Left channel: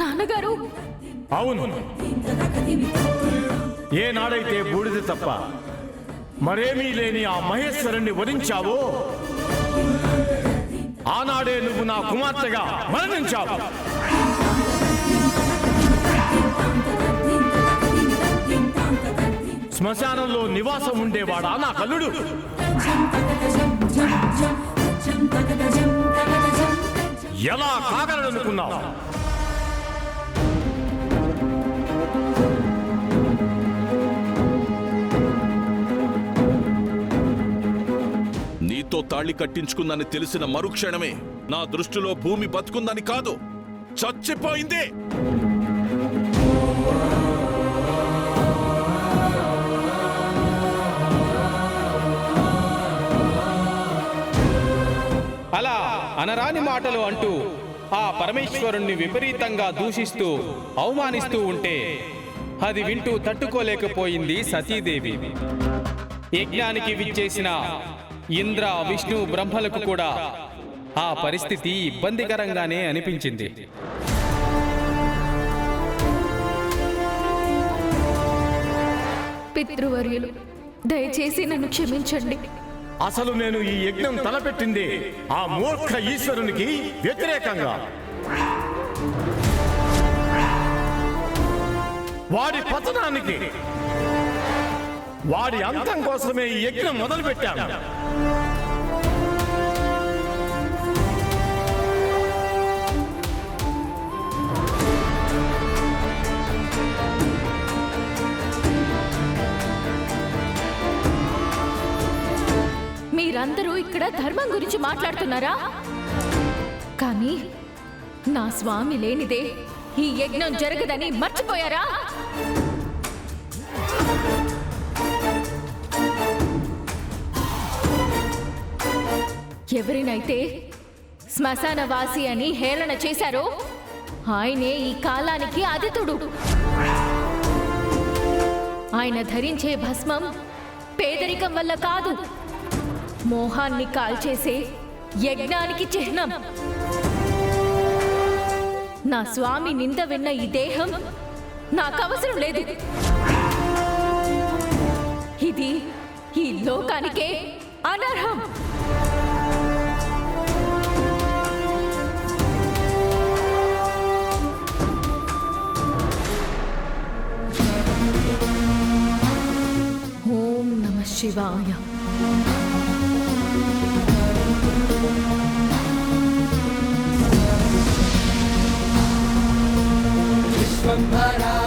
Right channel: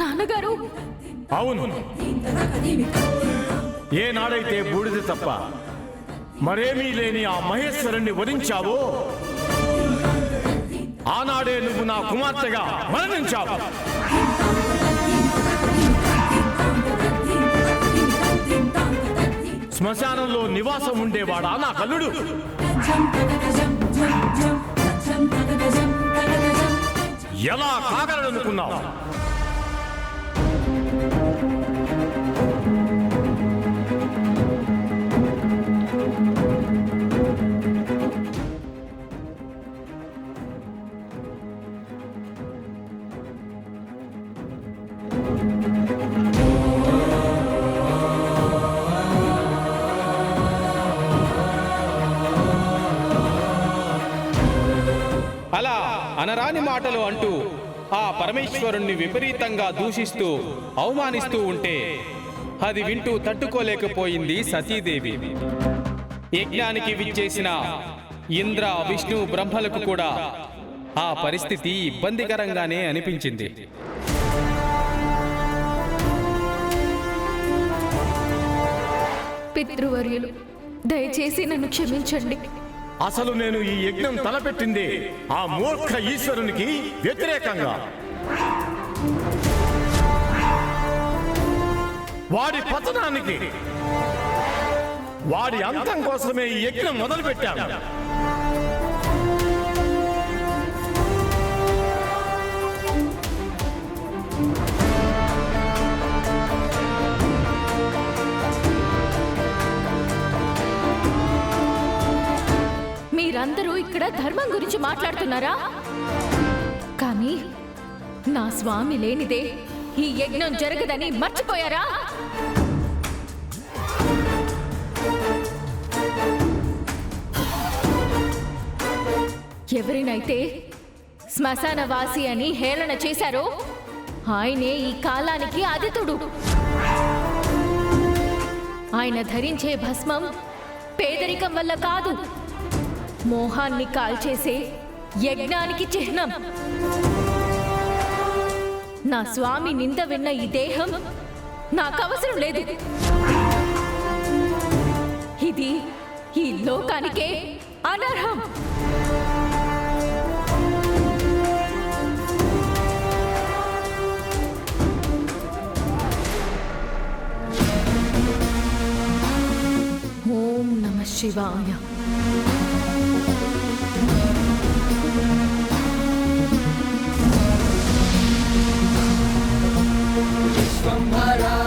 నాన్నగారు. అవును, ఏనాడైతే బూడిద తప్ప మరేమీ లేని ఆ మహేశ్వరుణ్ణి వధించావో ఆనాడే నువ్వు నా కుమార్తెగా మరణించావు. శ్మశానంలో నివాసం ఉండేవాడా నా కల్లుడు? ఎలా కాగలనుకున్నావు? నీతో తాళి కట్టించుకుందని తెలిసిన మరుక్షణమే నా దృష్టిలో భూమి బతుకుందని కాదు, చచ్చిపోయింది. అలా అనరాని మాటలు అంటూ ఆ పరమేశ్వరుణ్ణి విపరీతంగా దూషిస్తూ అవమానిస్తూ ఉంటే అది వింటూ తట్టుకోలేకపోయింది సతీదేవి. యజ్ఞానికి విచ్చేసిన ఇంద్ర, విష్ణు, బ్రహ్మలకు కూడా ఆ పరిస్థితి ఇబ్బందికరంగానే అనిపించింది. పితృవర్యులు, దయచేసి నన్ను క్షమించండి. అసలు నేను ఈ యజ్ఞం తలపెట్టింది ఆ మూర్ఖ ఈశ్వరునికి వ్యతిరేకంగా. వాడి పతనానికి, వాడి అంతం కోసమే ఈ యజ్ఞం మొదలుపెట్టాను. మీరందరూ ఇక్కడ ధర్మం గురించి మాట్లాడుతున్నారా? కానీ నా స్వామి లేనిదే ఈ యజ్ఞం జరగదని మర్చిపోయారా? ఎవరినైతే శ్మశానవాసి అని హేళన చేశారో ఆయనే ఈ కాలానికి ఆదితుడు. ఆయన ధరించే భస్మం పేదరికం వల్ల కాదు, మోహాన్ని కాల్చేసే యజ్ఞానికి చిహ్నం. నా స్వామి నింద విన్న ఈ దేహం నాకు అవసరం లేదు. ఇది ఈ లోకానికే అనర్హం. ఓం నమః శివాయ. Vampara